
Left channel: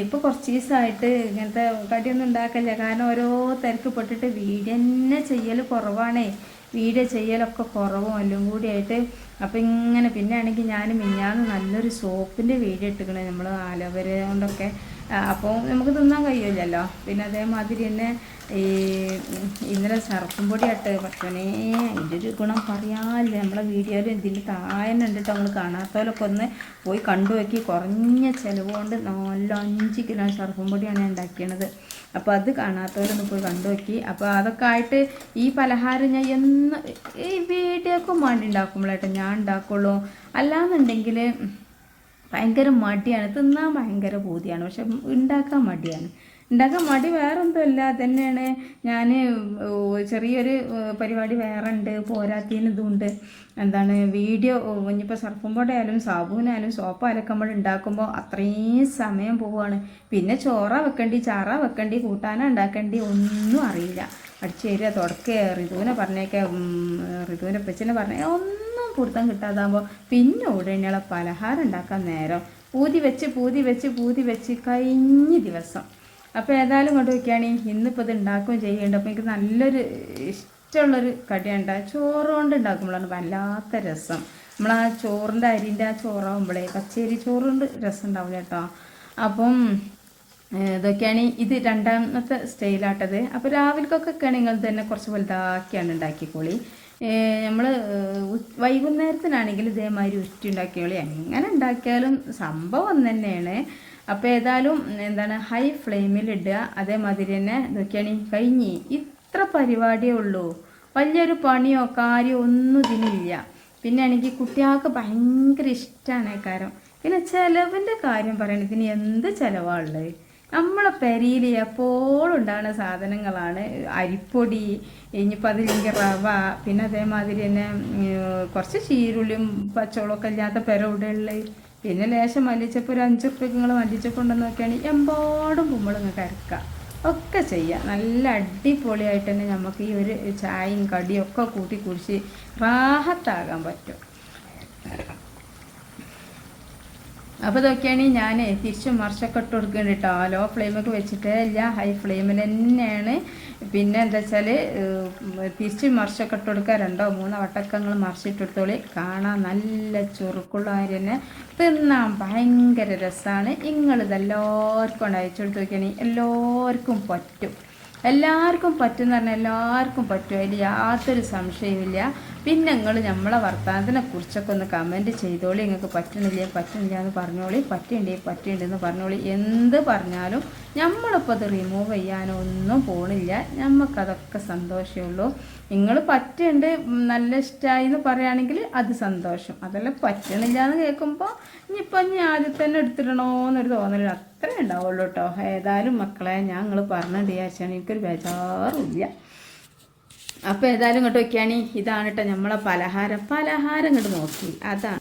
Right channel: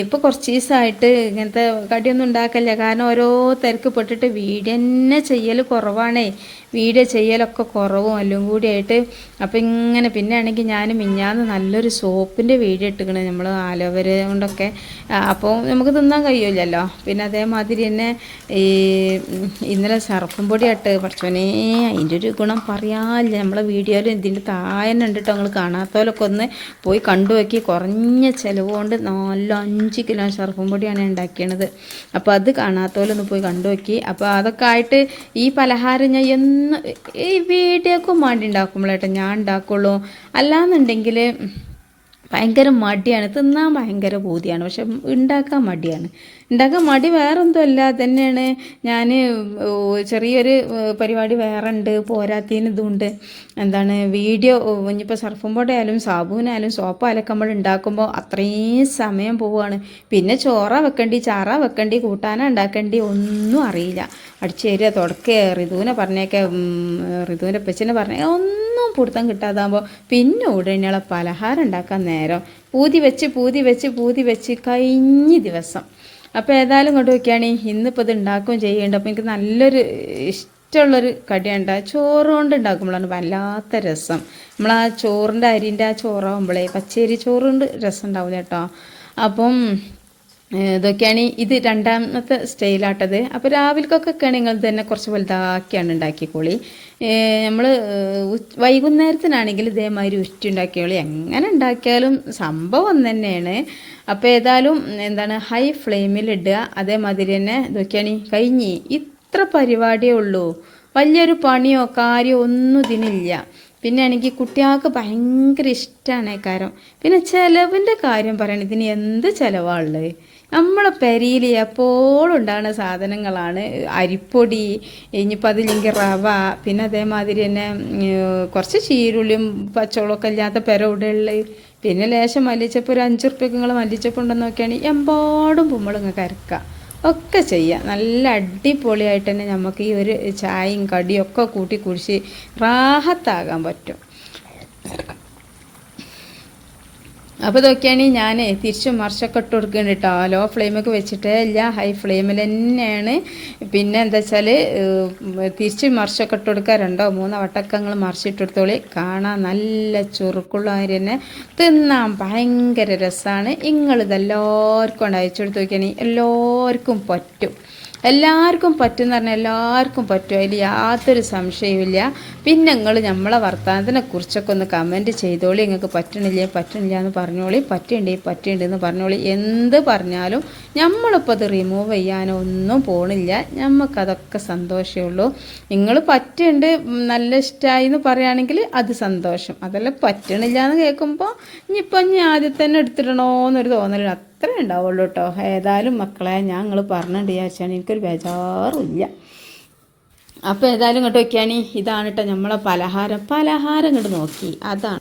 ഇപ്പോൾ കുറച്ച് ദിവസമായിട്ട് ഇങ്ങനത്തെ കടിയൊന്നും ഉണ്ടാക്കല്ല കാരണം ഓരോ തിരക്ക് പെട്ടിട്ട് വീഡിയോ തന്നെ ചെയ്യൽ കുറവാണേ. വീഡിയോ ചെയ്യലൊക്കെ കുറവും എല്ലാം കൂടി ആയിട്ട്. അപ്പം ഇങ്ങനെ പിന്നെ ആണെങ്കിൽ ഞാൻ മിഞ്ഞാന്ന് നല്ലൊരു സോപ്പിന്റെ വീഡിയോ ഇട്ടുകണ് നമ്മൾ ആലോവര കൊണ്ടൊക്കെ. അപ്പോൾ നമുക്ക് തിന്നാൻ കഴിയില്ലല്ലോ. പിന്നെ അതേമാതിരി തന്നെ ഈ ഇന്നലെ സർഫും പൊടി ഇട്ട് പഠിച്ചോനേ അതിന്റെ ഒരു ഗുണം പറയാനില്ല. നമ്മളെ വീഡിയോയിൽ ഇതിന്റെ താഴെ ഉണ്ട് കേട്ടോ കാണാത്തവരൊക്കെ ഒന്ന് പോയി കണ്ടു നോക്കി. കുറഞ്ഞ ചിലവ് കൊണ്ട് നല്ല അഞ്ച് കിലോ സർഫും പൊടിയാണ് ഞാൻ ഉണ്ടാക്കിയത് അപ്പോൾ അത് കാണാത്തവരൊന്ന് പോയി കണ്ടു നോക്കി. അപ്പോൾ അതൊക്കെ ആയിട്ട് ഈ പലഹാരം ഞാൻ എന്ന് ഈ വീഡിയോക്കും വേണ്ടി ഉണ്ടാക്കുമ്പോഴേട്ടോ ഞാൻ ഉണ്ടാക്കുള്ളൂ. അല്ലാന്നുണ്ടെങ്കിൽ ഭയങ്കര മടിയാണ്. തിന്നാൻ ഭയങ്കര ബോധിയാണ് പക്ഷെ ഉണ്ടാക്കാൻ മടിയാണ്. ഉണ്ടാക്കാൻ മടി വേറെ എന്തോ അല്ല തന്നെയാണ് ഞാൻ ചെറിയൊരു പരിപാടി വേറെ ഉണ്ട് പോരാത്തതിന് ഇതുണ്ട്. എന്താണ് വീഡിയോ ഇനിയിപ്പോൾ സർഫും പൊടിയായാലും സാബൂനായാലും സോപ്പ് നമ്മൾ ഉണ്ടാക്കുമ്പോൾ അത്രയും സമയം പോവുകയാണ് പിന്നെ ചോറ വെക്കേണ്ടി ചാറ വെക്കേണ്ടി കൂട്ടാന ഉണ്ടാക്കേണ്ടി ഒന്നും അറിയില്ല. അടിച്ചേരുക തുടക്കുക ഋതുവിനെ പറഞ്ഞേക്കെ ഋതുവിന്റെ പെച്ചിനെ പറഞ്ഞേ ഒന്നും പിടുത്തം കിട്ടാതാകുമ്പോൾ പിന്നെ ഉടനെയുള്ള പലഹാരം ഉണ്ടാക്കാൻ നേരം പൂതി വെച്ച് പൂതി വെച്ച് പൂതി വെച്ച് കഴിഞ്ഞ ദിവസം. അപ്പോൾ ഏതായാലും കൊണ്ട് വയ്ക്കുകയാണ് ഇന്നിപ്പോൾ ഇത് ഉണ്ടാക്കുകയും ചെയ്യേണ്ട. അപ്പോൾ എനിക്ക് നല്ലൊരു ഇഷ്ടമുള്ളൊരു കടിയുണ്ട്. ചോറ് കൊണ്ട് ഉണ്ടാക്കുമ്പോഴാണ് വല്ലാത്ത രസം. നമ്മൾ ആ ചോറിന്റെ അരിന്റെ ആ ചോറാകുമ്പോഴേ പച്ചരി ചോറ് കൊണ്ട് രസം ഉണ്ടാവില്ല കേട്ടോ. അപ്പം ഇതൊക്കെയാണ് ഇത് രണ്ടാമത്തെ സ്റ്റൈലാട്ടത്. അപ്പോൾ രാവിലേക്കൊക്കെ നിങ്ങൾ തന്നെ കുറച്ച് വലുതാക്കിയാണ് ഉണ്ടാക്കിക്കോളി. നമ്മൾ വൈകുന്നേരത്തിനാണെങ്കിൽ ഇതേമാതിരി ഉരുട്ടി ഉണ്ടാക്കിയോളി എങ്ങനെ ഉണ്ടാക്കിയാലും സംഭവം തന്നെയാണ്. അപ്പോൾ ഏതായാലും എന്താണ് ഹൈ ഫ്ലെയിമിൽ ഇടുക. അതേമാതിരി തന്നെ ഇതൊക്കെയാണ് കഴിഞ്ഞ്. ഇത്ര പരിപാടിയേ ഉള്ളൂ. വലിയൊരു പണിയോ കാര്യമോ ഒന്നും ഇതിനില്ല. പിന്നെ ആണെങ്കിൽ കുട്ടികൾക്ക് ഭയങ്കര ഇഷ്ടമാണ് കാര്യം. പിന്നെ ചിലവിന്റെ കാര്യം പറയണം. ഇതിന് എന്ത് ചിലവാണുള്ളത് നമ്മളെ പെരിയിൽ എപ്പോഴും ഉണ്ടാകുന്ന സാധനങ്ങളാണ് അരിപ്പൊടി ഇനിയിപ്പോൾ അതില്ലെങ്കിൽ റവ പിന്നെ അതേമാതിരി തന്നെ കുറച്ച് ചീരുള്ളിയും പച്ചവളമൊക്കെ ഇല്ലാത്ത പെര ഉള്ളത് പിന്നെ ലേശം മല്ലിച്ചപ്പ് ഒരു അഞ്ച് റുപ്യക്ക് നിങ്ങൾ മല്ലിച്ചപ്പ് ഉണ്ടെന്ന് നോക്കിയാണെങ്കിൽ എമ്പാടും പുമ്മളിങ്ങ് കരക്കുക. ഒക്കെ ചെയ്യുക. നല്ല അടിപൊളിയായിട്ട് തന്നെ നമുക്ക് ഈ ഒരു ചായയും കടിയും ഒക്കെ കൂട്ടി കുടിച്ച് റാഹത്താകാൻ പറ്റും. അപ്പോൾ ഇതൊക്കെയാണ് ഞാൻ തിരിച്ചും മറിച്ചൊക്കെ ഇട്ട് കൊടുക്കുന്നുണ്ട് കേട്ടോ ലോ ഫ്ലെയിമൊക്കെ വെച്ചിട്ട് ഇല്ല ഹൈ ഫ്ലെയിമിൽ തന്നെയാണ്. പിന്നെ എന്താ വെച്ചാൽ തിരിച്ചും മറിച്ചൊക്കെ ഇട്ട് കൊടുക്കുക രണ്ടോ മൂന്നോ വട്ടക്കങ്ങൾ മറിച്ചിട്ടെടുത്തോളി കാണാൻ നല്ല ചുറുക്കുള്ള ആര് തന്നെ തിന്നാൻ ഭയങ്കര രസമാണ് നിങ്ങളിതെല്ലാവർക്കും കൊണ്ട് അയച്ചു കൊടുത്ത് നോക്കിയാണെങ്കിൽ എല്ലാവർക്കും പറ്റും. എല്ലാവർക്കും പറ്റും എന്ന് പറഞ്ഞാൽ എല്ലാവർക്കും പറ്റും. അതിൽ യാതൊരു സംശയവുമില്ല. പിന്നെ നിങ്ങൾ നമ്മളെ വർത്തമാനത്തിനെ കുറിച്ചൊക്കെ ഒന്ന് കമന്റ് ചെയ്തോളി. നിങ്ങൾക്ക് പറ്റണില്ല? പറ്റണില്ല എന്ന് പറഞ്ഞോളി. പറ്റുണ്ട് പറ്റുണ്ട് എന്ന് പറഞ്ഞോളി. എന്ത് പറഞ്ഞാലും നമ്മളിപ്പോൾ അത് റിമൂവ് ചെയ്യാനോ ഒന്നും പോണില്ല. നമുക്കതൊക്കെ സന്തോഷമേ ഉള്ളൂ. നിങ്ങൾ പറ്റുണ്ട് നല്ല ഇഷ്ടമായി എന്ന് പറയുകയാണെങ്കിൽ അത് സന്തോഷം. അതല്ല പറ്റണില്ല എന്ന് കേൾക്കുമ്പോൾ ഇനിയിപ്പോൾ ഇനി ആദ്യം തന്നെ എടുത്തിടണോ എന്നൊരു തോന്നലില്ല അത്രേ ഉണ്ടാവുള്ളൂ കേട്ടോ. ഏതായാലും മക്കളെ ഞാൻ നിങ്ങൾ പറഞ്ഞിട്ട് വിചാരിച്ചാണ് എനിക്കൊരു ബേജാറില്ല. അപ്പോൾ ഏതായാലും ഇങ്ങോട്ട് വയ്ക്കുകയാണി ഇതാണ് കേട്ടോ നമ്മളെ പലഹാരം. പലഹാരം ഇങ്ങോട്ട് നോക്കി. അതാണ്.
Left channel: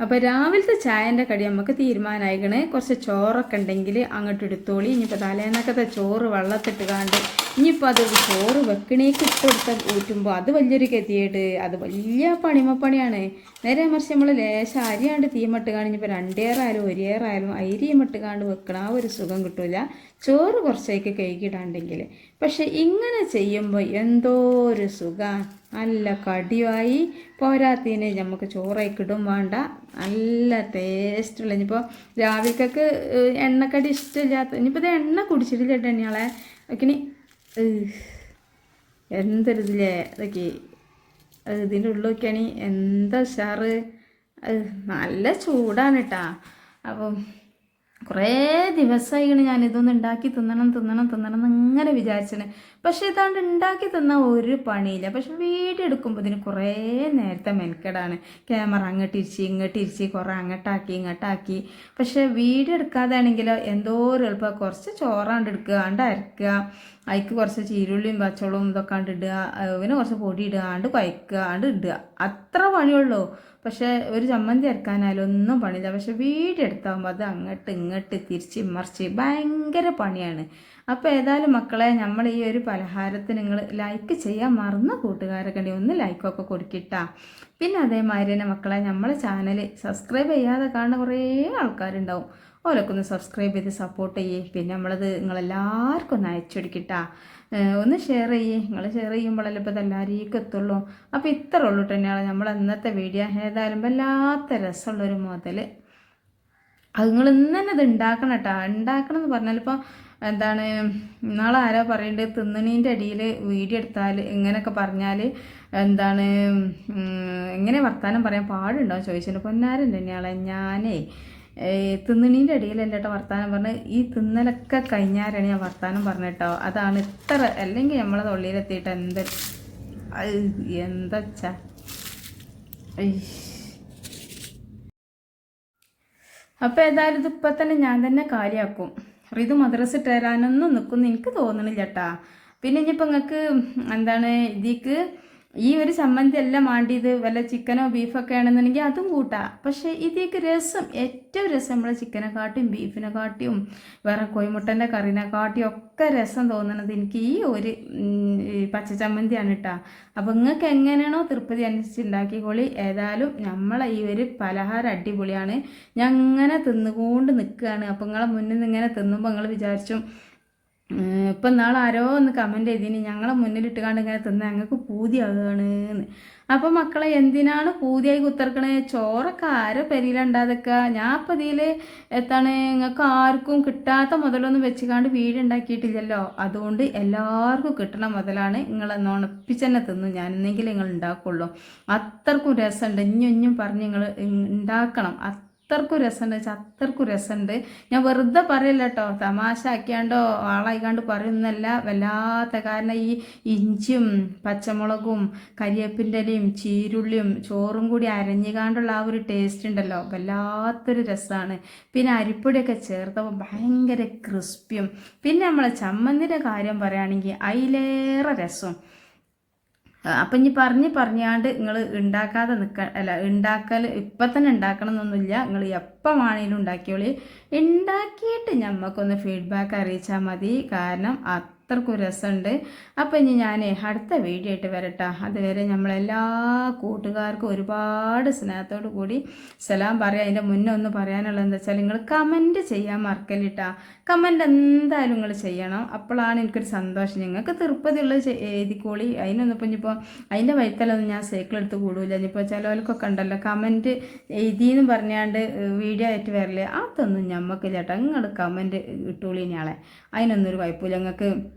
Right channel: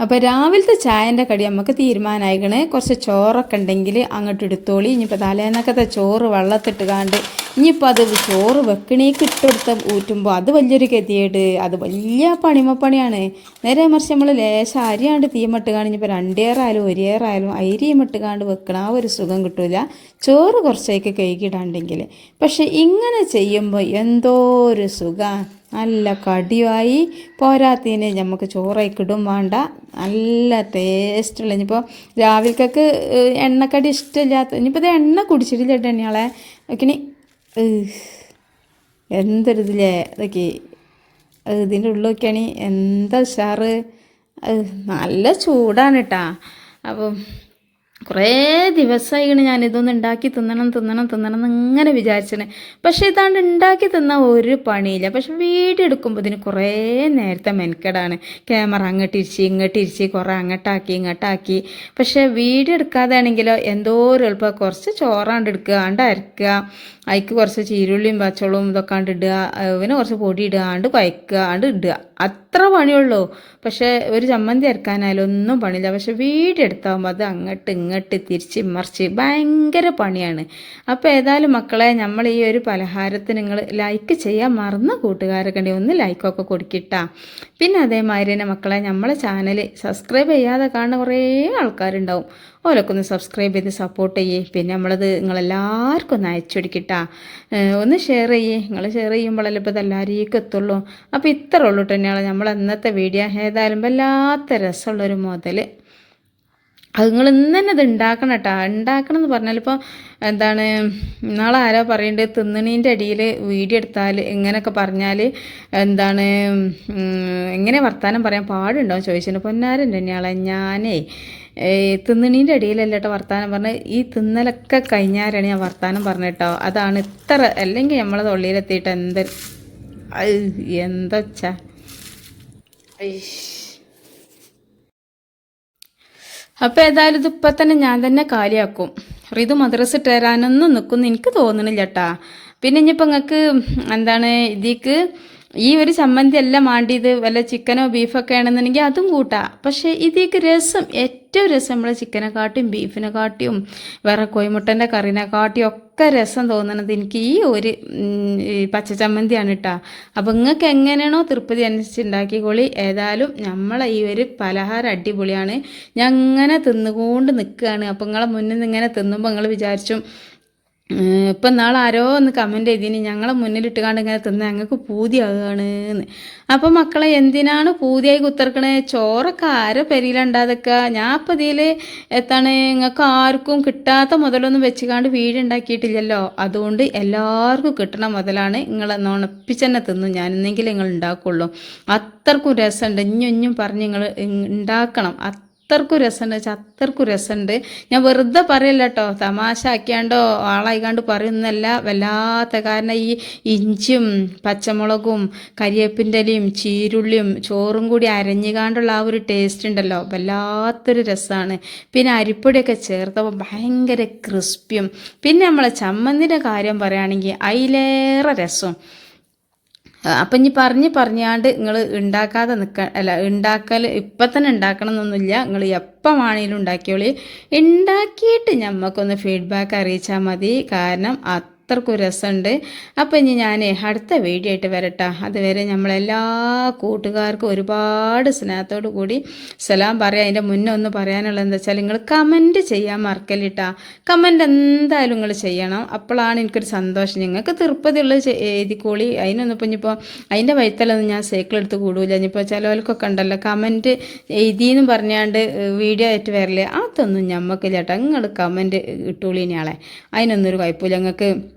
അപ്പോൾ രാവിലത്തെ ചായന്റെ കടി നമുക്ക് തീരുമാനമായിക്കണേ കുറച്ച് ചോറൊക്കെ ഉണ്ടെങ്കിൽ അങ്ങോട്ട് എടുത്തോളി. ഇനിയിപ്പോൾ തലേന്നൊക്കത്തെ ചോറ് വെള്ളത്തിട്ട് കാണ്ട് ഇനിയിപ്പോൾ അത് ചോറ് വെക്കണേക്ക് ഇട്ടെടുത്ത് ഊറ്റുമ്പോൾ അത് വലിയൊരു ഗതിയേട് അത് വലിയ പണിമപ്പണിയാണ്. നേരെ മറിച്ച് നമ്മൾ ലേശം അരിയാണ്ട് തീമിട്ട് കാണും കാണിഞ്ഞപ്പോൾ രണ്ടേറായാലും ഒരേറായാലും അരിയുമിട്ട് കാണ്ട് വെക്കണം ആ ഒരു സുഖം കിട്ടില്ല ചോറ് കുറച്ചേക്ക് കഴുകിടാണ്ടെങ്കിൽ പക്ഷേ ഇങ്ങനെ ചെയ്യുമ്പോൾ എന്തോ ഒരു സുഖം. നല്ല കടിയായി പോരാത്തതിന് നമുക്ക് ചോറയ്ക്കിടും വേണ്ട. നല്ല ടേസ്റ്റുള്ള ഇനിയിപ്പോൾ രാവിലേക്കൊക്കെ എണ്ണക്കടി ഇഷ്ടമില്ലാത്ത ഇനിയിപ്പോൾ ഇത് എണ്ണ കുടിച്ചിട്ടില്ല കേട്ടോ എണ്ണയാളെ നോക്കിനി എന്തൊരിതില്ലേ ഇതൊക്കെ. ഇതിന്റെ ഉള്ളിലൊക്കെയാണ് എന്താ ഉഷാറ്. നല്ല ചൂടാണ് കേട്ടാ. അപ്പം കുറേ ദിവസമായിക്കണ് ഞാൻ ഇതൊന്ന് ഉണ്ടാക്കി തിന്നണം തിന്നണം തിന്നണം എന്ന് ഇങ്ങനെ വിചാരിച്ചത് പക്ഷേ ഇതാണ്ട് ഉണ്ടാക്കി തിന്ന ഒരു പണിയില്ല. പക്ഷെ വീഡിയോ എടുക്കുമ്പോൾ ഇതിന് കുറേ നേരത്തെ മെനക്കെടാണ്. ക്യാമറ അങ്ങോട്ട് ഇരിച്ച് ഇങ്ങോട്ട് ഇരിച്ച് കുറേ അങ്ങോട്ടാക്കി ഇങ്ങോട്ടാക്കി. പക്ഷേ വീഡിയോ എടുക്കാതെ ആണെങ്കിലോ എന്തോ ഒരു എളുപ്പം. കുറച്ച് ചോറാണ്ട് എടുക്കുക ആണ്ട് അരക്കുക. അതിക്ക് കുറച്ച് ചീരുള്ളിയും പച്ചവളവും ഇതൊക്കെ ആണ്ട് ഇടുക. പിന്നെ കുറച്ച് പൊടി ഇടുക. ആണ്ട് കുഴക്കുക. ആണ്ട് ഇടുക. അത്ര പണിയുള്ളൂ. പക്ഷേ ഒരു ചമ്മന്തി അരക്കാനായാലും ഒന്നും പണിയില്ല. പക്ഷെ വീടെടുത്താകുമ്പോൾ അത് അങ്ങോട്ട് ഇങ്ങോട്ട് തിരിച്ച് മറിച്ച് ഭയങ്കര പണിയാണ്. അപ്പോൾ ഏതായാലും മക്കളെ നമ്മൾ ഈ ഒരു പലഹാരത്തിന് നിങ്ങൾ ലൈക്ക് ചെയ്യാൻ മറന്ന കൂട്ടുകാരൊക്കെ ഉണ്ടെങ്കിൽ ഒന്ന് ലൈക്കൊക്കെ കൊടുക്കിട്ടാ. പിന്നെ അതേമാതിരി തന്നെ മക്കളെ നമ്മളെ ചാനൽ സബ്സ്ക്രൈബ് ചെയ്യാതെ കാണുന്ന കുറേ ആൾക്കാരുണ്ടാവും. ഓലൊക്കെ ഒന്ന് സബ്സ്ക്രൈബ് ചെയ്ത് സപ്പോർട്ട് ചെയ്യേ. പിന്നെ നമ്മളത് നിങ്ങളെല്ലാവർക്കും ഒന്ന് അയച്ചു കൊടുക്കിട്ടാ. ഒന്ന് ഷെയർ ചെയ്യേ. നിങ്ങൾ ഷെയർ ചെയ്യുമ്പോഴല്ലേ ഇപ്പോൾ ഇതെല്ലാവരേക്കും എത്തുള്ളൂ. അപ്പോൾ ഇത്ര ഉള്ളൂ തന്നെയാണ് നമ്മൾ ഇന്നത്തെ വീഡിയോ ഏതായാലും വല്ലാത്ത രസമുള്ളൊരു മുതൽ അത് നിങ്ങൾ ഇന്ന് തന്നെ ഇത് ഉണ്ടാക്കണം കേട്ടോ ഉണ്ടാക്കണം എന്ന് പറഞ്ഞാൽ ഇപ്പോൾ എന്താണ് നാളെ ആരോ പറയേണ്ടത് തിന്നണീന്റെ അടിയിൽ വീഡിയോ എടുത്താൽ ഇങ്ങനെയൊക്കെ പറഞ്ഞാൽ എന്താണ് എങ്ങനെ വർത്താനം പറയാൻ പാടുണ്ടോ ചോദിച്ചിട്ടുണ്ട്. പൊന്നാരൻ തന്നെയാളെ. ഞാനേ തിന്നണീന്റെ ഇടയിലല്ല കേട്ടോ വർത്താനം പറഞ്ഞ്. ഈ തിന്നലൊക്കെ കഴിഞ്ഞാലാണ് ഞാൻ വർത്താനം പറഞ്ഞിട്ടോ. അതാണ് ഇത്ര അല്ലെങ്കിൽ നമ്മളെ തൊള്ളിയിലെത്തിയിട്ട് എന്ത് എന്താ അപ്പോൾ ഏതായാലും ഇതിപ്പോൾ തന്നെ ഞാൻ തന്നെ കാലിയാക്കും. റിതു മദ്രസ ഇട്ടുതരാനൊന്നും നിൽക്കുന്നു എനിക്ക് തോന്നണില്ല കേട്ടാ പിന്നെ ഇനിയിപ്പോൾ നിങ്ങൾക്ക് എന്താണ് ഇതിക്ക് ഈ ഒരു ചമ്മന്തി എല്ലാം മാണ്ടിയത് വല്ല ചിക്കനോ ബീഫൊക്കെ ആണെന്നുണ്ടെങ്കിൽ അതും കൂട്ടാം. പക്ഷേ ഇതിക്ക് രസം ഏറ്റവും രസം നമ്മൾ ചിക്കനെ കാട്ടിയും ബീഫിനെ കാട്ടിയും വേറെ കോയിമുട്ടന്റെ കറിനെ കാട്ടിയും ഒക്കെ രസം തോന്നുന്നത് എനിക്ക് ഈ ഒരു പച്ച ചമ്മന്തിയാണ് കേട്ടോ. അപ്പോൾ നിങ്ങൾക്ക് എങ്ങനെയാണോ തൃപ്തി അനുസരിച്ച് കൊളി ഏതായാലും നമ്മളെ ഈ ഒരു പലഹാരം അടിപൊളിയാണ്. ഞാൻ അങ്ങനെ തിന്നുകൊണ്ട് നിൽക്കുകയാണ് അപ്പോൾ നിങ്ങളെ മുന്നിൽ നിന്ന് ഇങ്ങനെ തിന്നുമ്പോൾ നിങ്ങൾ വിചാരിച്ചു ഇപ്പം നാളെ ആരോ ഒന്ന് കമന്റ് ചെയ്തിന് ഞങ്ങളെ മുന്നിലിട്ട് കണ്ട് ഇങ്ങനെ തിന്ന് ഞങ്ങൾക്ക് പൂതിയാകുകയാണ് എന്ന്. അപ്പം മക്കളെ എന്തിനാണ് പൂതിയായി കുത്തിറക്കണേ ചോറൊക്കെ ആരെ പെരിയിലുണ്ടാതൊക്കെ ഞാൻ ഇപ്പം ഇതിൽ എത്താണ് നിങ്ങൾക്ക് ആർക്കും കിട്ടാത്ത മുതലൊന്നും വെച്ചുകാണ്ട് വീടുണ്ടാക്കിയിട്ടില്ലല്ലോ. അതുകൊണ്ട് എല്ലാവർക്കും കിട്ടണ മുതലാണ് നിങ്ങളെ നുണപ്പിച്ചെന്നെ തിന്നു ഞാൻ എന്നെങ്കിലും നിങ്ങൾ ഉണ്ടാക്കുള്ളൂ അത്രക്കും രസമുണ്ട് ഇഞ്ഞും ഇഞ്ഞും പറഞ്ഞ് നിങ്ങൾ ഉണ്ടാക്കണം അത്രക്കും രസമുണ്ട് വെച്ചാൽ അത്രക്കും രസമുണ്ട്. ഞാൻ വെറുതെ പറയല്ല കേട്ടോ തമാശ ആക്കിയാണ്ടോ ആളായിക്കാണ്ട് പറയുന്നല്ല വല്ലാത്ത കാരണം ഈ ഇഞ്ചും പച്ചമുളകും കരിയേപ്പിന്റെ ഇലയും ചീരുള്ളിയും ചോറും കൂടി അരഞ്ഞുകാണ്ടുള്ള ആ ഒരു ടേസ്റ്റ് ഉണ്ടല്ലോ. വല്ലാത്തൊരു രസമാണ് പിന്നെ അരിപ്പൊടിയൊക്കെ ചേർത്തപ്പോൾ ഭയങ്കര ക്രിസ്പിയും പിന്നെ നമ്മളെ ചമ്മന്തിന്റെ കാര്യം പറയുകയാണെങ്കിൽ അതിലേറെ രസം. അപ്പം ഇനി പറഞ്ഞ് പറഞ്ഞാണ്ട് നിങ്ങൾ ഉണ്ടാക്കാതെ നിൽക്ക അല്ല ഉണ്ടാക്കൽ ഇപ്പം തന്നെ ഉണ്ടാക്കണം എന്നൊന്നുമില്ല നിങ്ങൾ എപ്പം വേണമെങ്കിലും ഉണ്ടാക്കിയോളി ഉണ്ടാക്കിയിട്ട് ഞമ്മക്കൊന്ന് ഫീഡ്ബാക്ക് അറിയിച്ചാൽ മതി. കാരണം അത്രക്കും രസമുണ്ട്. അപ്പോൾ ഇനി ഞാൻ അടുത്ത വീഡിയോ ആയിട്ട് വരട്ടെ. അതുവരെ നമ്മളെല്ലാ കൂട്ടുകാർക്കും ഒരുപാട് സ്നേഹത്തോടു കൂടി സലാം പറയാം. അതിന്റെ മുന്നേ ഒന്ന് പറയാനുള്ളത് എന്താ വെച്ചാൽ നിങ്ങൾ കമന്റ് ചെയ്യാൻ മറക്കല്ലിട്ടാ. കമന്റ് എന്തായാലും നിങ്ങൾ ചെയ്യണം. അപ്പോഴാണ് എനിക്കൊരു സന്തോഷം. നിങ്ങൾക്ക് തിരുപ്പതിയുള്ളത് ചെ- എഴുതിക്കോളി. അതിനൊന്നും ഇപ്പം ഇനിയിപ്പോൾ അതിന്റെ വൈത്തലൊന്നും ഞാൻ സൈക്കിൾ എടുത്ത് കൂടൂല. ഇനിയിപ്പോൾ ചിലവർക്കൊക്കെ ഉണ്ടല്ലോ കമന്റ് എഴുതിയെന്ന് പറഞ്ഞാണ്ട് വീഡിയോ ആയിട്ട് വരില്ലേ അതൊന്നും ഞമ്മക്കില്ല ചേട്ടാ നിങ്ങൾ കമന്റ് ഇട്ടോളി ഇനിയാളെ അതിനൊന്നൊരു ഒരു കുഴപ്പമില്ല. നിങ്ങൾക്ക്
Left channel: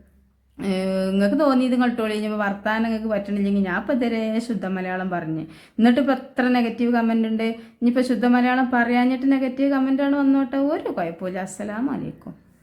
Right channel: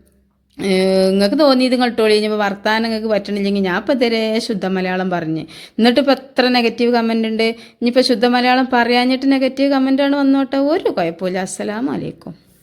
നിങ്ങൾക്ക് തോന്നിയത് കേട്ടോളി കഴിഞ്ഞപ്പോൾ വർത്താനം നിങ്ങൾക്ക് പറ്റണില്ലെങ്കിൽ ഞാൻ ഇപ്പോൾ തരെ ശുദ്ധ മലയാളം പറഞ്ഞ്. എന്നിട്ട് ഇപ്പം എത്ര നെഗറ്റീവ് കമന്റ് ഉണ്ട്? ഇനിയിപ്പോൾ ശുദ്ധ മലയാളം പറയാഞ്ഞിട്ട് നെഗറ്റീവ് കമന്റാണ് വന്നോട്ടെ. ഒരു കുഴപ്പമില്ല അസ്സലാമു അലൈക്കും.